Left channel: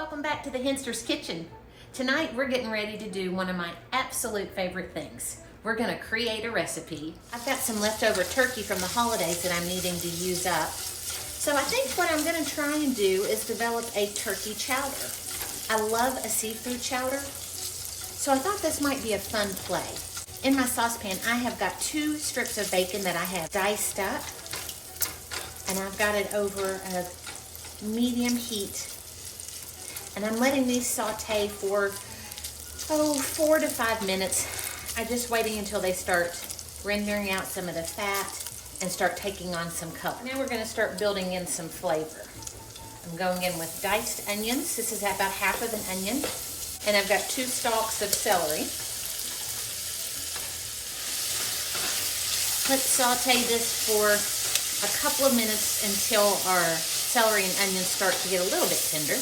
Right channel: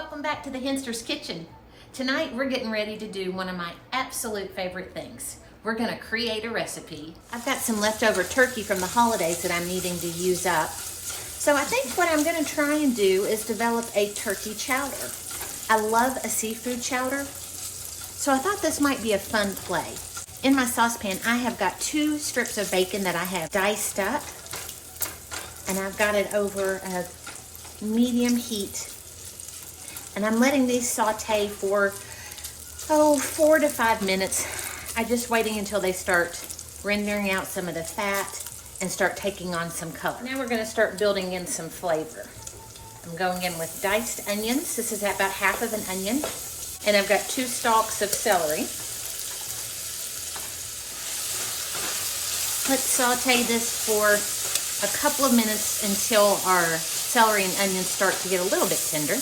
Welcome back to the Henster's Kitchen. Tonight we're getting ready to do one of my absolute favorite things. We're gonna create a recipe. I've got some leftover turkey from the holidays that I'm needing to use up. So I think what I'm gonna try and do is develop a turkey chowder. I love a seafood chowder, so I thought this might be a fun play. In my saucepan, I have got 2 strips of bacon that I have diced up, and I've got it over a medium heat. And I'm letting these saute for, 4 to 5 minutes. I'm just waiting until they start rendering out some of the fat and start taking on some color. Now we're gonna start building in some flavor. I'm going in with diced onions. This is about half of an onion. And I've got 2 stalks of celery. Let's saute this for a couple of minutes until our celery and onions start to get a little bit tender.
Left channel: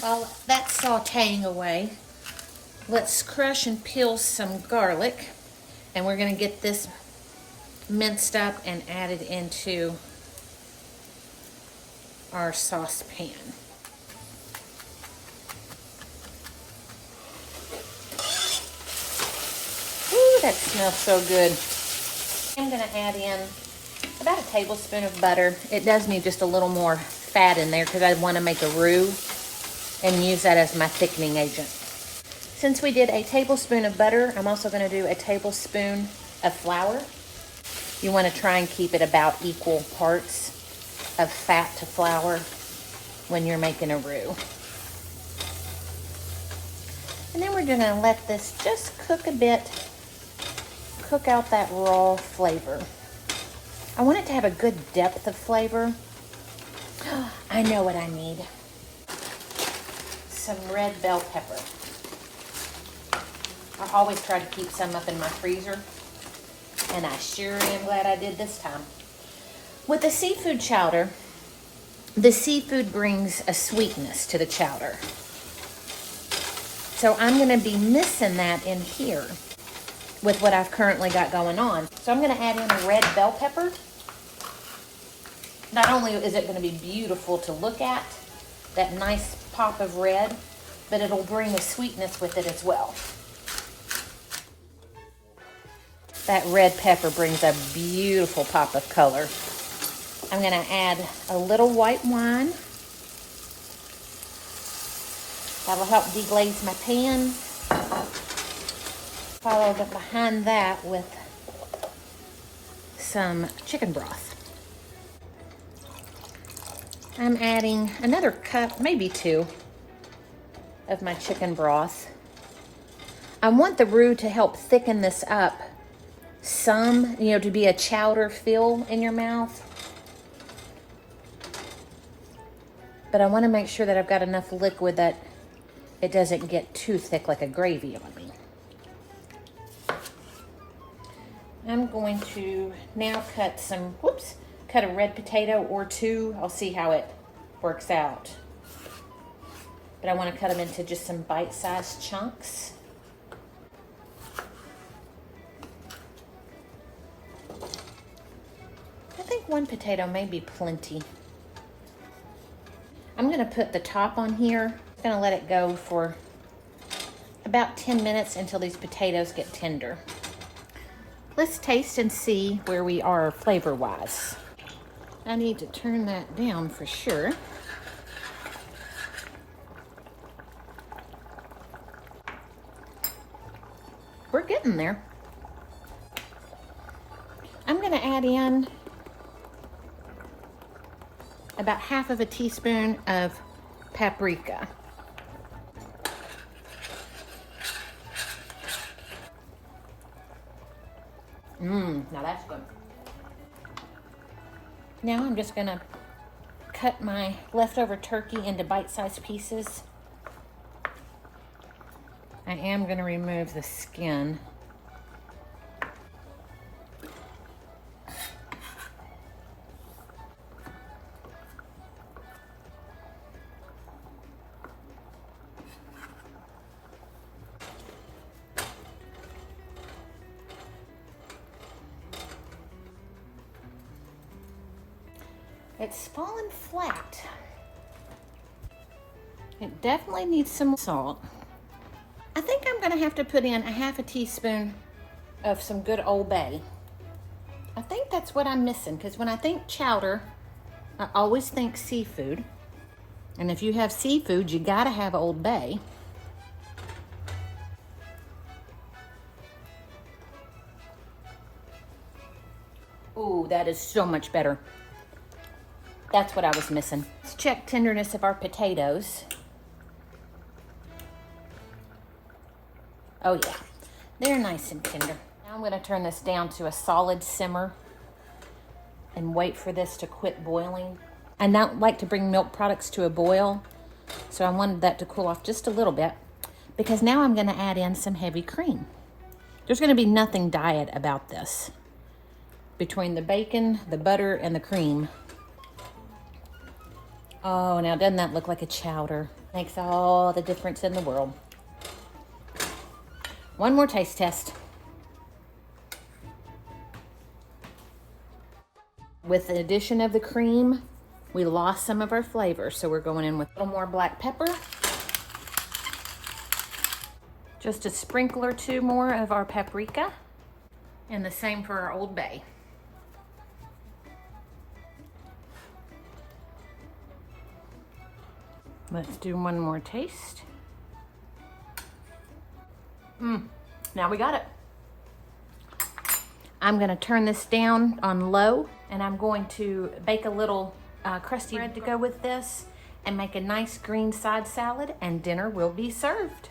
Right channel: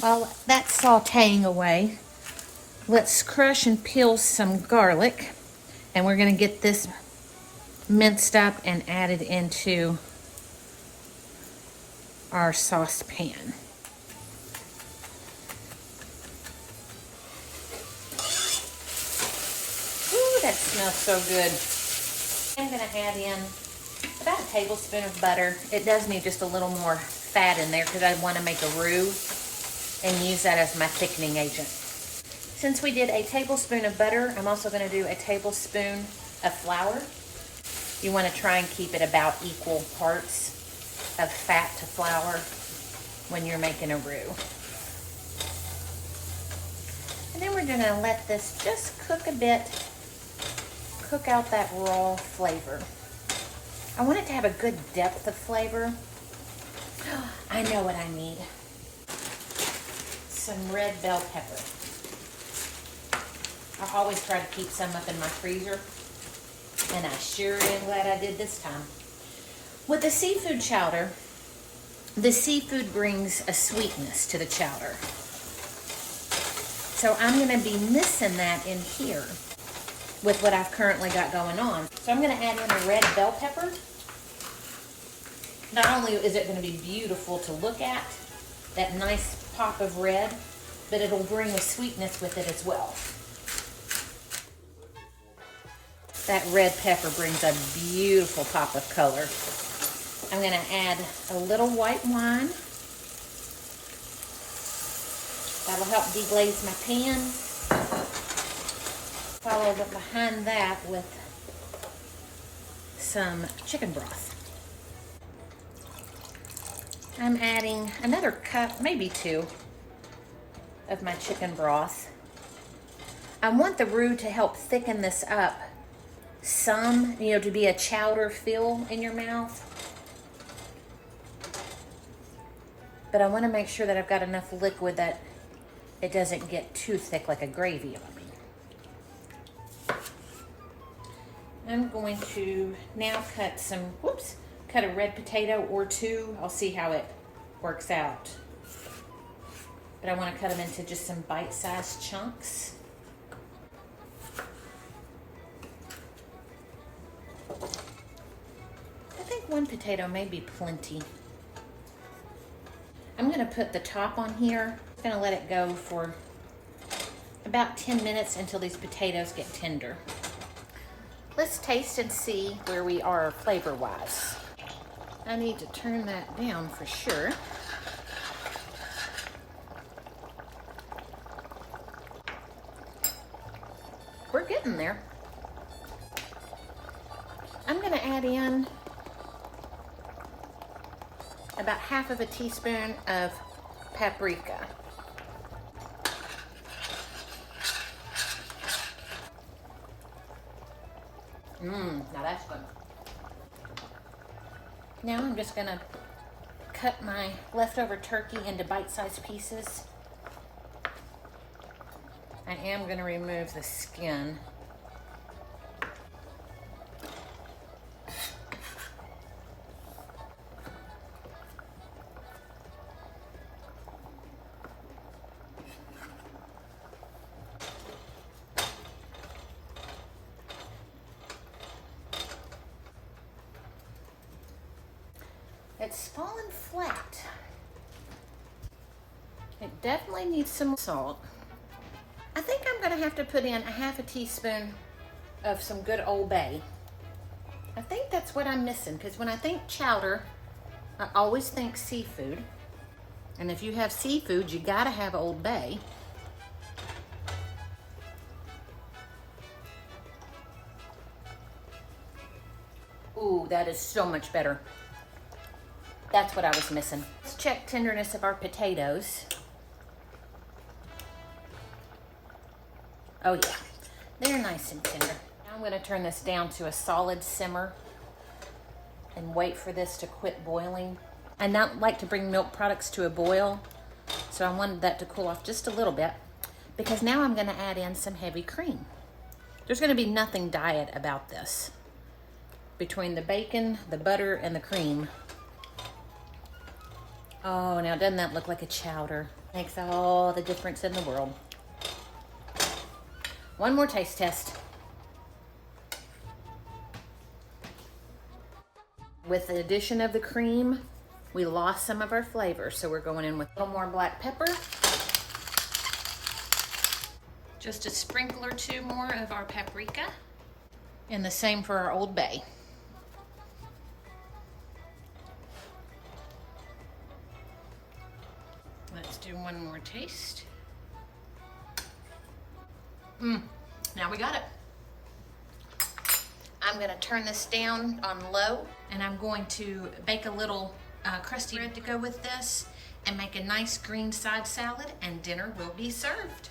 While that's sauteing away, let's crush and peel some garlic, and we're going to get this minced up and added into our saucepan. Ooh, that smells so good. I'm going to add in about a tablespoon of butter. It does need just a little more fat in there because I want to make a roux and use that as my thickening agent. Since we did a tablespoon of butter, I'm also going to do a tablespoon of flour. You want to try and keep it about equal parts of fat to flour when you're making a roux. And then we're going to let this just cook a bit, cook out that raw flavor. I want it to have a good depth of flavor. I know what I need. Some red bell pepper. I always try to keep some up in my freezer, and I sure am glad I did this time. With a seafood chowder, the seafood brings a sweetness to the chowder. So I'm going to be missing that in here with what I've currently got going on. So I'm going to add in a red bell pepper. Not only is it going to be beautiful to look at, that nice pop of red, but it'll bring a sweetness with it as well. That red pepper brings a beautiful pop of color. I'm going to add a little white wine. That'll help deglaze my pan. Follow behind that with some chicken broth. I'm adding another cup, maybe 2, of my chicken broth. I want the roux to help thicken this up some, to be a chowder feel in your mouth. But I want to make sure that I've got enough liquid that it doesn't get too thick like a gravy on me. I'm going to now cut a red potato or 2. I'll see how it works out. But I want to cut them into just some bite-sized chunks. I think 1 potato may be plenty. I'm going to put the top on here. I'm going to let it go for about 10 minutes until these potatoes get tender. Let's taste and see where we are flavor-wise. I need to turn that down for sure. We're getting there. I'm going to add in about half of a teaspoon of paprika. Now that's good. Now I'm just going to cut my leftover turkey into bite-sized pieces. I am going to remove the skin. It's fallen flat. It definitely needs some salt. I think I'm gonna have to put in a half a teaspoon of some good Old Bay. I think that's what I'm missing, because when I think chowder, I always think seafood. And if you have seafood, you gotta have Old Bay. Ooh, that is so much better. That's what I was missing. Let's check tenderness of our potatoes. Oh yeah, they're nice and tender. Now I'm gonna turn this down to a solid simmer and wait for this to quit boiling. I not like to bring milk products to a boil, so I wanted that to cool off just a little bit, because now I'm gonna add in some heavy cream. There's gonna be nothing diet about this. Between the bacon, the butter, and the cream. Oh, now doesn't that look like a chowder? Makes all the difference in the world. One more taste test. With the addition of the cream, we lost some of our flavor, so we're going in with a little more black pepper. Just a sprinkle or two more of our paprika, and the same for our Old Bay. Let's do one more taste. Now we got it. I'm gonna turn this down on low, and I'm going to bake a little crusty bread to go with this and make a nice green side salad, and dinner will be served.